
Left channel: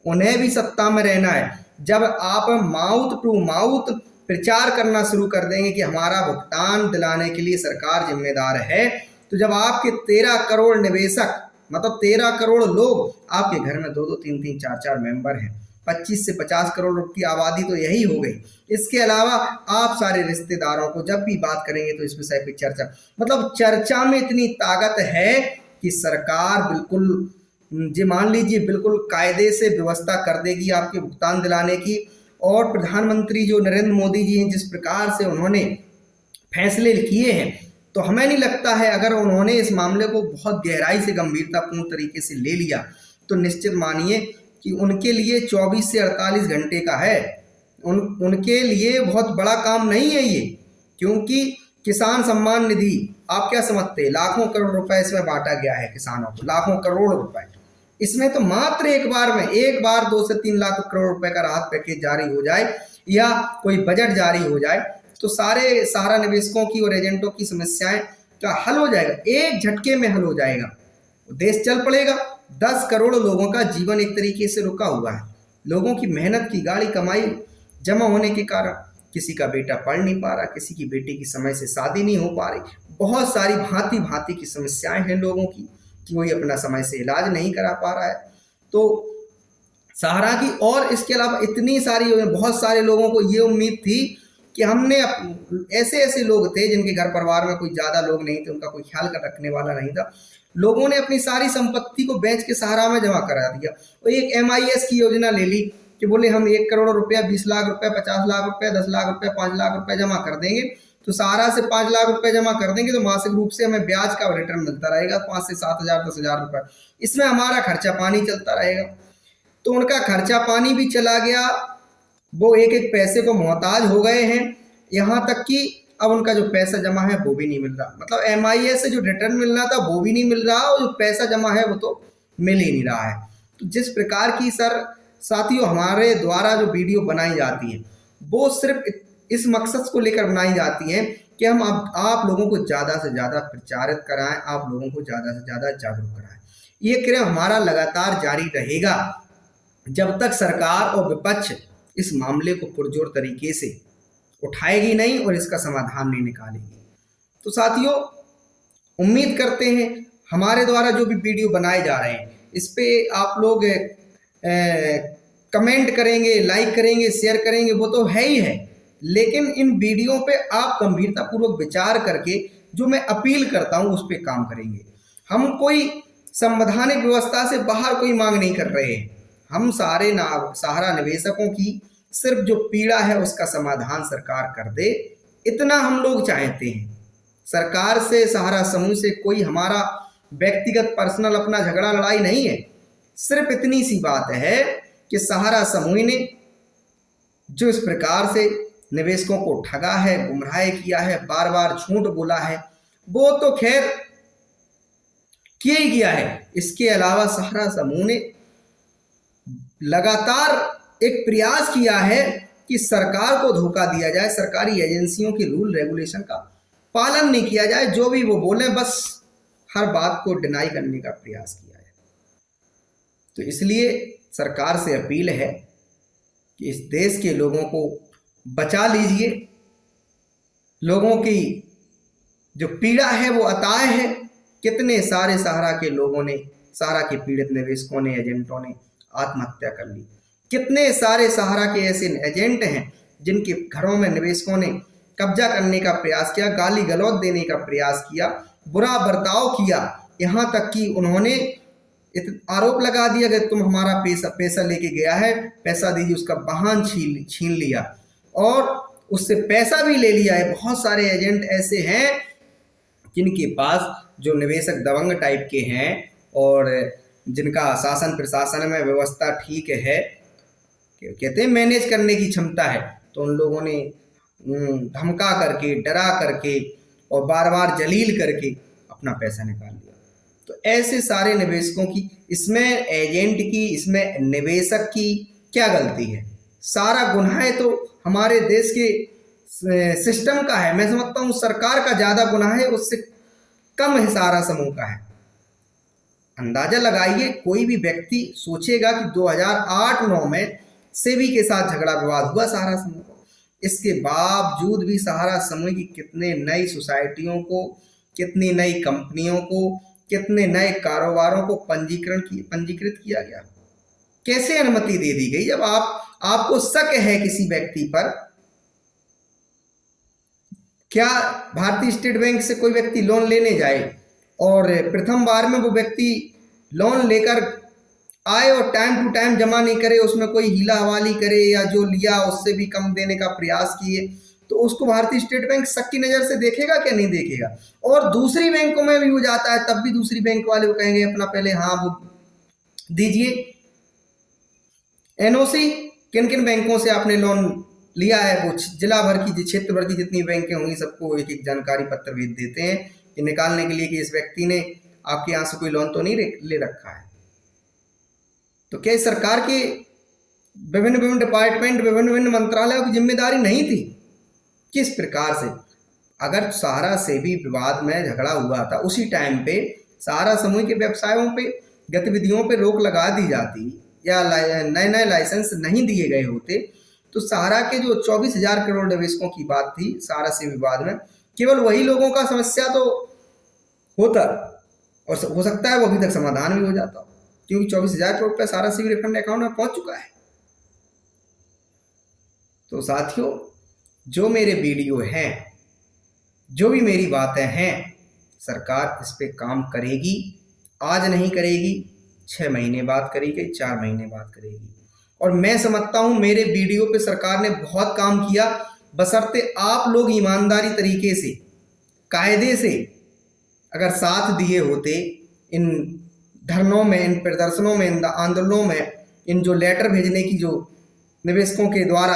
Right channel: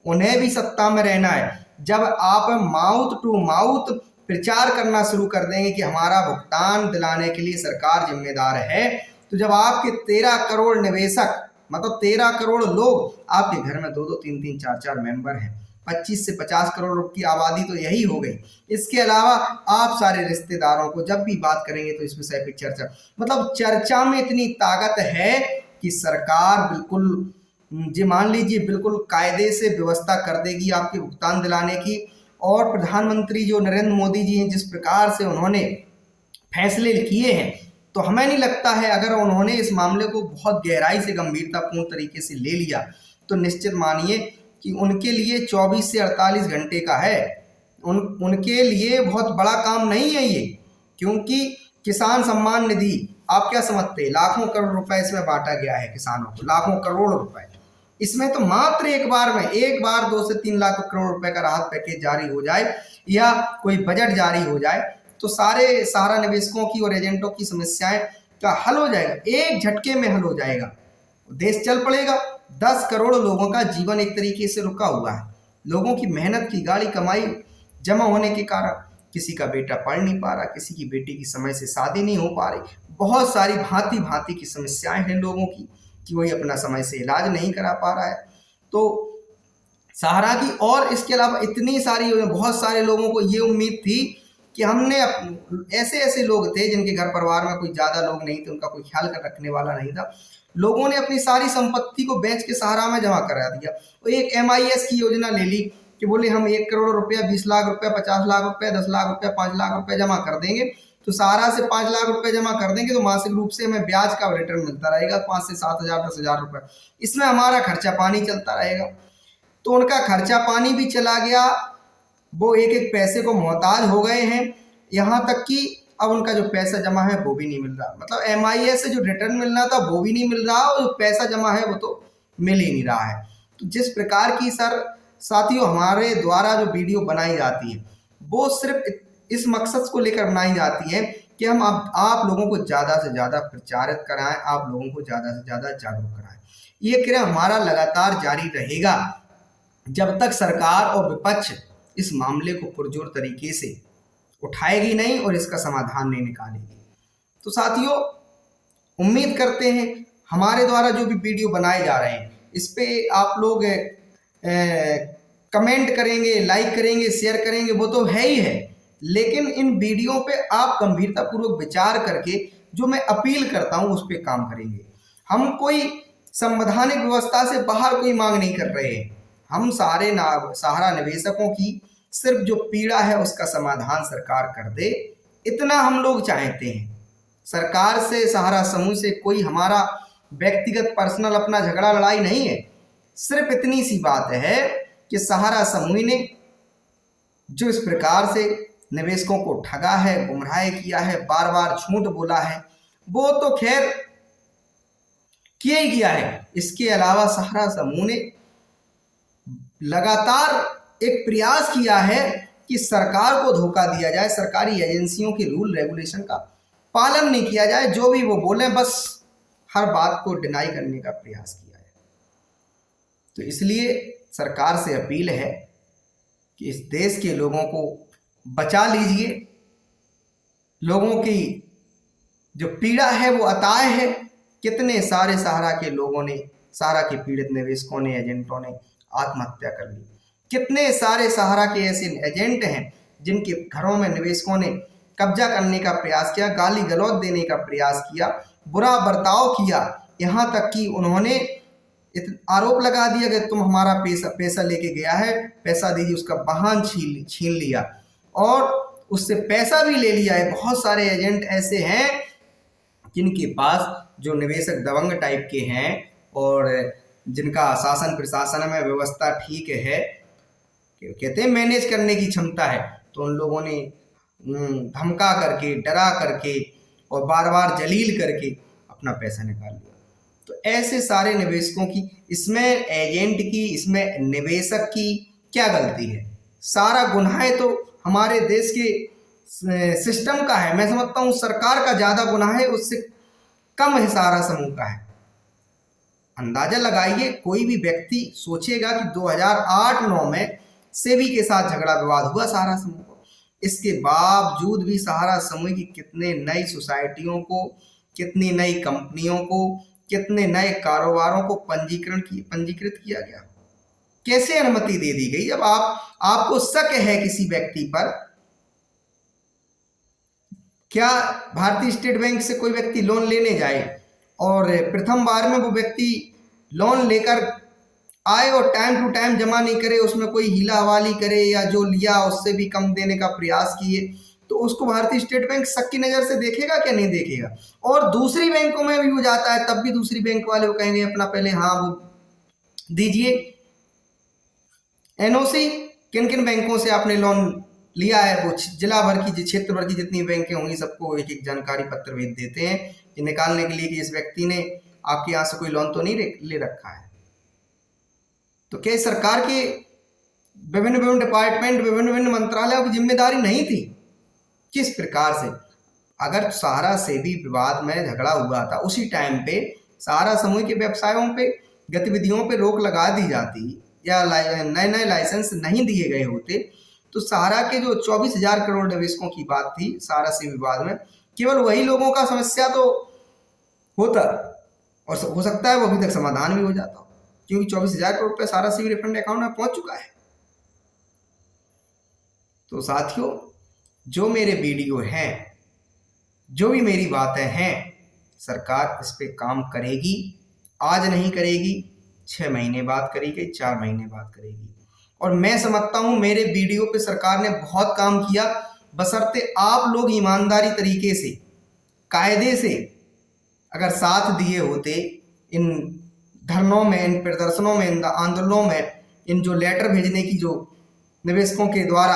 उन्हें भी सत्ता में रहना है। जब आप माउथ टू माउथ प्रचार करना शुरू कर देंगे कि हमारा भुगतान दिलाने के लिए सरकार जिम्मेदार है, तो जब आपके 13 करोड़ निवेशक मतलब 13 करोड़ लोग, आपके घर में 2-2, 3-3, 4-4 मेंबर हैं, 25 से 50 करोड़ की आबादी तो यही हो गई। इसके अलावा आप सारे रिश्तेदारों को जब भी बात करेंगे तो इस विषय पर चर्चा, मतलब चर्चा में इतनी ताकत है कि सरकार बिल्कुल जी मान लीजिए बिल्कुल कायदे से व्यवस्था कर देगी आपके भुगतान दिलाने की। और प्रधानमंत्री जो नरेंद्र मोदी जी हैं, जिस प्रकार से उन्होंने फैसले किए हैं, तो हमें नहीं लगता है अगर उन्होंने इस मामले को बहुत गहराई से गंभीरतापूर्ण तरीके से ले लिया तो निश्चित मानिए कि उनके लिए 24 से 48 घंटे का है, उनके लिए बहुत बड़ा काम नहीं है ये। क्योंकि किसान सम्मान निधि आप क्या समझते हैं, लाखों करोड़ रुपए इसमें बांटा गया है किसानों को, लाखों करोड़ रुपए। इसमें तो मात्र एक बार 2 से 3 लाख करोड़ रुपए का राहत पैकेज जारी हो जाए या कोई बजट जारी हो जाए तो सारा निवेशकों की और एजेंटों की समस्याएं का हल हो जाएगा, एक झटके में हल हो जाएगा, देश चल पड़ेगा। 10 करोड़ लोगों का जीवन एक तरीके से रुका हुआ है, लोगों की मेहनत की गाड़ी कमाई जमा होने के कारण किसी का बेटा पढ़ नहीं पा रहा, किसी की बेटी की समय से शादी नहीं हो पा रही, बहुत सारी भांति भांति की समस्याएं हैं लोगों की कि कोई अपना समय से इलाज नहीं करा पा रहा है। तो सहारा की और इसके अलावा इतनी सारी बहुत सारे लोगों को ये उम्मीद थी कि हमने ऐसे ऐसे लोग थे जिनके घर परिवार में कोई ज़्यादा लोग नहीं थे, उनका कोई ख्याल कर रखने वाला नहीं था, लोगों ने अपनी सारी संपत्ति को बेच के सहारा में जमा करा दिया। और एक MIS की योजना ले ली कि बोले हम 1 करोड़ रुपया, 20 लाख रुपया, 50 लाख रुपया, 10 लाख रुपया, 5 लाख रुपया जमा कर देंगे, तो सहारा से 5 लाख रुपए जमा कर देंगे तो मासिक रूप से हमें ब्याज का रिटर्न मिलता रहेगा 5 से 7 हज़ार 10 हज़ार रुपये, इसमें हमारा खर्चा पानी चलता रहेगा। तो उनका खर्चा पानी भी चला गया, वो एक एक पैसे को मोहताज हो गए हैं, यहाँ तक कि अब उनका जो पैसा जमा है वो भी नहीं मिल रहा, मतलब MIS से जो रिटर्न मिल रहा था वो भी नहीं मिल रहा और जो पैसा जमा है वो तो मिल ही नहीं रहा है। तो जिस प्रकार की साथियों हमारे द्वारा जो वीडियो बनाई जाती है वो सिर्फ इस मकसद को लेकर बनाई जाती है कि हम आप लोगों को ज़्यादा से ज़्यादा प्रचारित कराएं, आप लोगों को ज़्यादा से ज़्यादा जागरूक कराएं। ये क्रम हमारा लगातार जारी रहेगा जब तक सरकार और विपक्ष इस मामले को पुरजोर तरीके से उठाएगी नहीं और इसका समाधान नहीं निकालेगी। तो साथियों उम्मीद करते हैं हमारे द्वारा जो भी वीडियो बनाए जा रहे हैं इस पे आप लोग कमेंट करेंगे, लाइक करेंगे, शेयर करेंगे, वो तो है ही है, लेकिन इन वीडियो पे आप गंभीरतापूर्वक विचार करके जो मैं अपील करता हूँ उस पर काम करेंगे। हम कोई संवैधानिक व्यवस्था से बाहर कोई मांग नहीं कर रहे हैं, हम सहारा निवेशकों की सिर्फ जो पीड़ा है उसका समाधान सरकार कर दे, इतना हम लोग चाहते हैं। सरकार से, सहारा समूह से कोई हमारा व्यक्तिगत पर्सनल अपना झगड़ा लड़ाई नहीं है, सिर्फ इतनी सी बात है कि सहारा समूह ने जो इस प्रकार से निवेशकों को ठगा है, गुमराह किया है, बार बार झूठ बोला है, वो तो खैर किया ही किया है। इसके अलावा सहारा समूह ने लगातार एक प्रयास किया है कि सरकार को धोखा दिया जाए, सरकारी एजेंसियों की रूल रेगुलेशन का पालन नहीं किया जाए, जो भी वो बोले बस हर बात को डिनाई करने का प्रयास किया है। तो इसलिए सरकार से अपील है कि इस देश के लोगों को बचा लीजिए, लोगों की जो पीड़ा है वो अताय है। कितने सारे सहारा के लोगों ने, सहारा के पीड़ित निवेशकों ने, एजेंटों ने आत्महत्या कर ली, कितने सारे सहारा के ऐसे एजेंट हैं जिनके घरों में निवेशकों ने कब्जा करने का प्रयास किया, गाली गलौज देने का प्रयास किया, बुरा बर्ताव किया, यहाँ तक कि उन्होंने आरोप लगा दिया कि तुम हमारा पैसा लेके गया है, पैसा दीजिए, उसका वाहन छीन लिया और उससे पैसा भी ले लिया है। बहुत सारे एजेंट ऐसे हैं जिनके पास जो निवेशक दबंग टाइप के हैं और जिनका शासन प्रशासन में व्यवस्था ठीक है, कहते हैं मैनेज करने की क्षमता है, तो उन लोगों ने धमका करके, डरा करके और बार बार जलील करके अपना पैसा निकाल लिया। तो ऐसे सारे निवेशकों की, इसमें एजेंट की, इसमें निवेशक की क्या गलती है? सारा गुनाह तो हमारे देश के सिस्टम का है। मैं समझता हूँ सरकार का ज़्यादा गुनाह है, उससे कम है सहारा समूह का है। अंदाजा लगाइए, कोई भी व्यक्ति सोचेगा कि 2008-9 में सेबी के साथ झगड़ा विवाद हुआ सहारा समूह को, इसके बावजूद भी सहारा समूह की कितने नई सोसाइटियों को, कितनी नई कंपनियों को, कितने नए कारोबारों को पंजीकृत किया गया, कैसे अनुमति दे दी गई। जब आपको शक है किसी व्यक्ति पर, क्या भारतीय स्टेट बैंक से कोई व्यक्ति लोन लेने जाए और प्रथम बार में वो व्यक्ति लोन लेकर आए और टाइम टू टाइम जमा नहीं करे, उसमें कोई हीला हवाली करे या जो लिया उससे भी कम देने का प्रयास किए, तो उसको भारतीय स्टेट बैंक शक की नज़र से देखेगा क्या? नहीं देखेगा। और दूसरी बैंकों में भी वो जाता है, तब भी दूसरी बैंक वाले वो कहेंगे अपना पहले हाँ वो दीजिए एनओसी, किन किन बैंकों से आपने लोन लिया है, वो जिला भर की क्षेत्र भर की जितनी बैंकें होंगी सबको एक एक जानकारी पत्र भेज देते हैं कि निकालने के लिए कि इस व्यक्ति ने आपके यहाँ से कोई लोन तो नहीं ले रखा है। तो क्या सरकार के विभिन्न विभिन्न डिपार्टमेंट, विभिन्न विभिन्न मंत्रालयों की जिम्मेदारी नहीं थी? किस प्रकार से अगर सहारा से भी विवाद में झगड़ा हुआ था, उसी टाइम पे सहारा समूह के व्यवसायों पे, गतिविधियों पे रोक लगा दी जाती या नए नए लाइसेंस नहीं दिए गए होते, तो सहारा के जो 24,000 करोड़ निवेशकों की बात थी सहारा से विवाद में, केवल वही लोगों का समस्या तो होता और हो सकता है वो अभी तक समाधान भी हो जाता, क्योंकि 24,000 करोड़ रुपये सहारा से रिफंड अकाउंट में पहुंच चुका है। तो साथियों, जो मेरे वीडियो हैं, जो भी मेरी बातें हैं, सरकार इस पे काम करेगी। आज नहीं करेगी, 6 महीने बाद करेगी, 4 महीने बाद करेगी। और मैं समझता हूँ मेरे वीडियो पे सरकार ने बहुत काम किया, बशर्ते आप लोग ईमानदारी तरीके से, कायदे से अगर साथ दिए होते इन धरनों में, इन प्रदर्शनों में, इन आंदोलनों में, इन जो लेटर भेजने की जो निवेशकों के द्वारा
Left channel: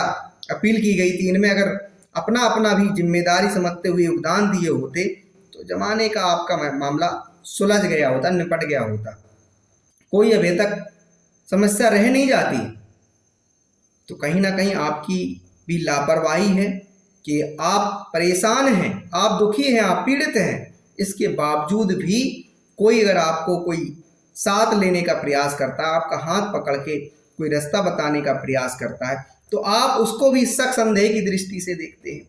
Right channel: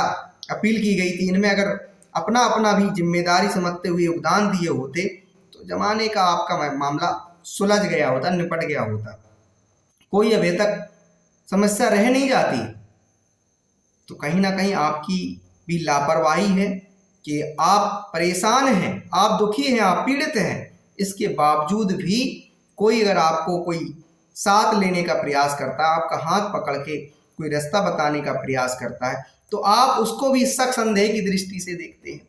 अपील की गई थी, इनमें अगर अपना अपना भी जिम्मेदारी समझते हुए योगदान दिए होते तो जमाने का आपका मामला सुलझ गया होता, निपट गया होता, कोई अभी तक समस्या रह नहीं जाती। तो कहीं ना कहीं आपकी भी लापरवाही है कि आप परेशान हैं, आप दुखी हैं, आप पीड़ित हैं, इसके बावजूद भी कोई अगर आपको कोई साथ लेने का प्रयास करता है, आपका हाथ पकड़ के कोई रास्ता बताने का प्रयास करता है, तो आप उसको भी शक संदेह की दृष्टि से देखते हैं।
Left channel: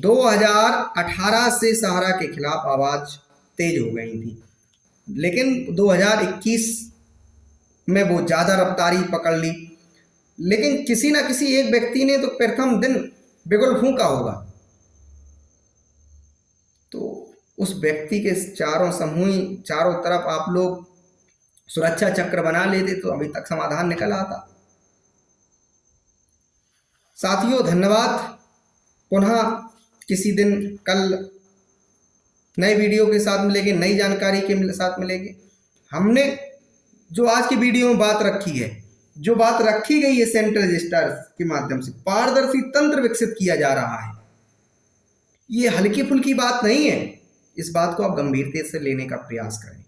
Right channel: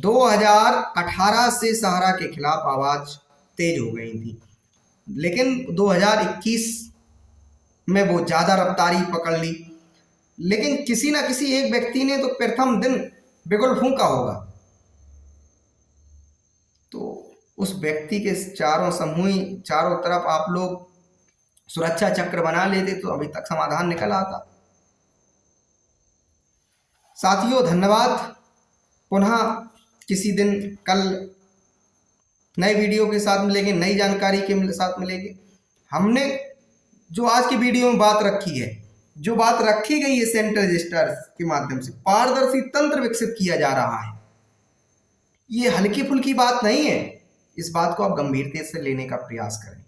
2018 से सहारा के खिलाफ आवाज तेज हो गई थी, लेकिन 2021 में वो ज़्यादा रफ्तारी पकड़ ली। लेकिन किसी ना किसी एक व्यक्ति ने तो प्रथम दिन बिगुल फूंका होगा, तो उस व्यक्ति के चारों तरफ आप लोग सुरक्षा चक्र बना लेते तो अभी तक समाधान निकल आता। साथियों, धन्यवाद। पुनः किसी दिन कल नए वीडियो के साथ मिलेंगे, नई जानकारी के साथ मिलेंगे। हमने जो आज की वीडियो में बात रखी है, जो बात रखी गई है, सेंट्रल रजिस्टर के माध्यम से पारदर्शी तंत्र विकसित किया जा रहा है, ये हल्की फुल्की बात नहीं है। इस बात को आप गंभीरता से लेने का प्रयास करें।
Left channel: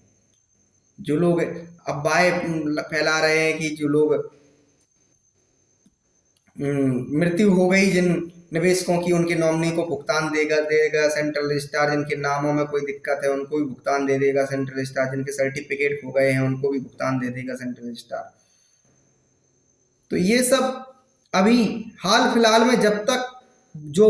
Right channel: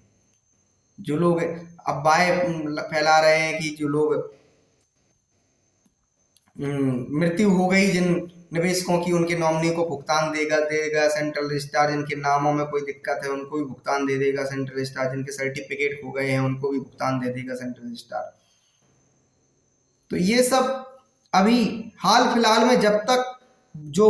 जो लोग अफवाहें फैला रहे हैं कि जो लोग मृत्यु हो गई जिन निवेशकों की, उनके नॉमिनी को भुगतान देगा सेंट्रल रजिस्ट्रार, जिनके नामों में कोई दिक्कत है उनको भी भुगतान दे देगा सेंट्रल रजिस्ट्रार, जिनके सर्टिफिकेट खो गए हैं उनको भी भुगतान दे देगा सेंट्रल रजिस्ट्रार। तो ये सब अभी हाल फिलहाल में, जब तक जो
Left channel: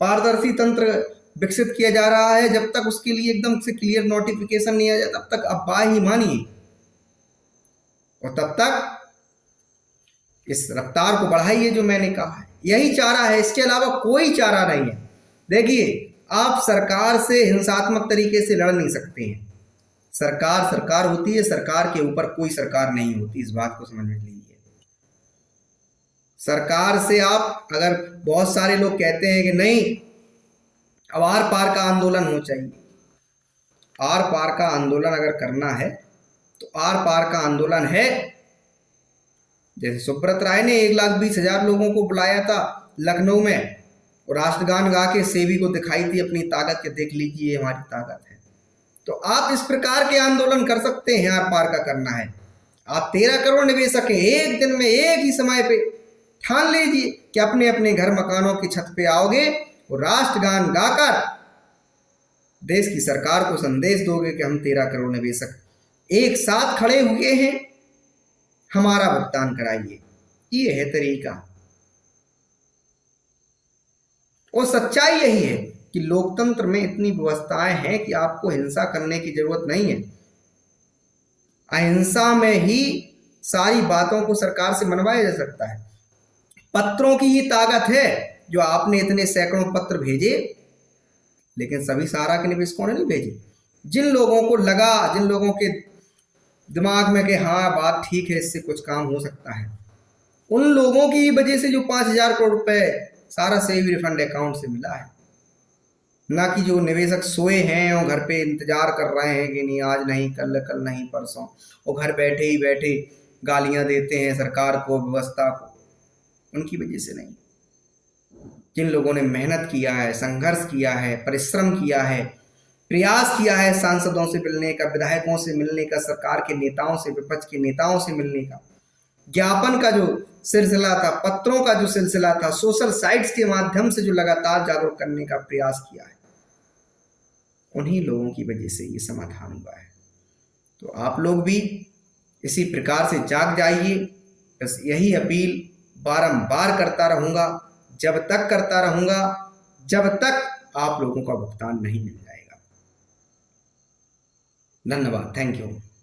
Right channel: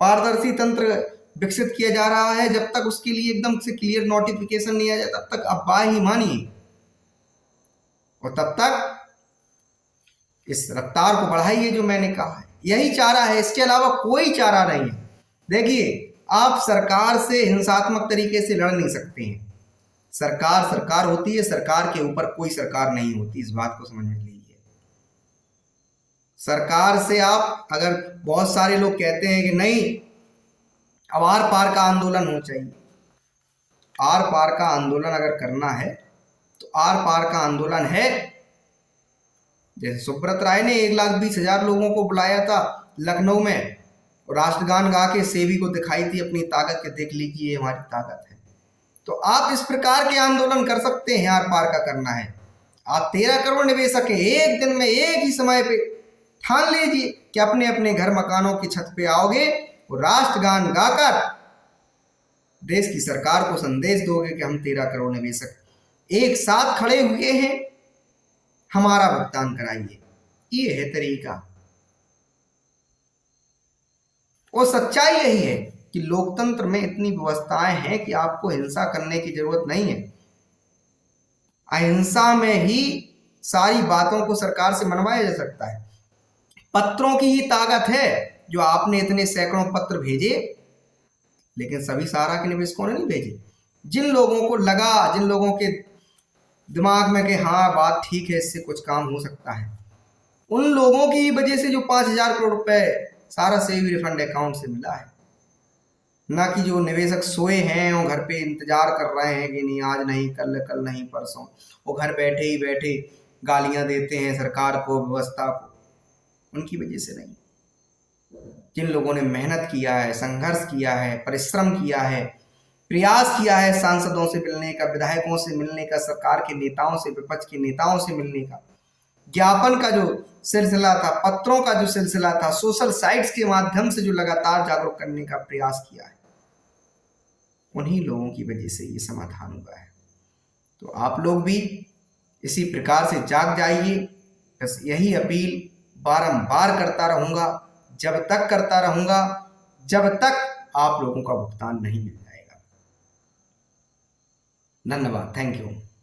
पारदर्शी तंत्र विकसित किया जा रहा है, जब तक उसके लिए एकदम से क्लियर नोटिफिकेशन नहीं आ जाए, तब तक अफवाह ही मानिए और तब तक इस रफ्तार को बढ़ाइए जो मैंने कहा है। यही चारा है, इसके अलावा कोई चारा नहीं है। देखिए, आप सरकार से हिंसात्मक तरीके से लड़ नहीं सकते हैं। सरकार सरकार होती है, सरकार के ऊपर कोई सरकार नहीं होती, इस बात को समझ में लीजिए। सरकार से आप, अगर बहुत सारे लोग कहते हैं कि नहीं अब आर पार का आंदोलन हो चाहिए, आर पार का आंदोलन अगर करना है तो आर पार का आंदोलन है। जैसे सुब्रत राय ने 1,20,000 लोगों को बुलाया था लखनऊ में और राष्ट्रगान गा के सेवी को दिखाई थी अपनी ताकत के, देख लीजिए हमारी ताकत है। तो आप इस प्रकार के आंदोलन कर सकते हैं, आर पार का करना है। आप 13 करोड़ निवेशक हैं, एक दिन में एक ही समय पे ठान लीजिए कि अपने अपने घर मकानों की छत पे आओगे और राष्ट्रगान गाकर देश की सरकार को संदेश दोगे कि हम 13 करोड़ निवेशक एक साथ खड़े हुए हैं, हमारा भुगतान कराइए। ये है तरीका और सच्चाई यही है कि लोकतंत्र में इतनी व्यवस्थाएं हैं कि आपको हिंसा करने की जरूरत नहीं है। अहिंसा में ही सारी बातों को सरकार से मनवाया जा सकता है। पत्रों की ही ताकत है, जो आपने इतने सैकड़ों पत्र भेजे, लेकिन सभी सहारा के निवेशकों ने नहीं भेजे। जिन लोगों को लगा, जिन लोगों के दिमाग में कि हाँ बात ठीक है, इससे कुछ काम हो सकता है, उन लोगों की वजह से जो 5,000 करोड़ रुपए सारा सेविंग रिफंड अकाउंट से मिला है। ना कि जो निवेशक सोए हैं और घर पे इंतजार कर रहे हैं कि नहीं आज नहीं कल, कल नहीं परसों, वो घर बैठे ही बैठे गालियां देते हैं सरकार को, व्यवस्था को, उनकी वजह से नहीं। जिन लोगों ने मेहनत किया है, संघर्ष किया है, परिश्रम किया है, प्रयास किया है सांसदों से मिलने का, विधायकों से मिलने का, सरकार के नेताओं से, विपक्ष के नेताओं से मिलने का, ज्ञापन का जो सिलसिला था, पत्रों का जो सिलसिला था, सोशल साइट्स के माध्यम से जो लगातार जागरूक करने का प्रयास किया है, उन्हीं लोगों की वजह से ये समाधान हुआ है। तो आप लोग भी इसी प्रकार से जाग जाइए। बस यही अपील बारंबार करता रहूँगा, जब तक करता रहूँगा जब तक आप लोगों का भुगतान नहीं मिल जाएगा। धन्यवाद, थैंक यू।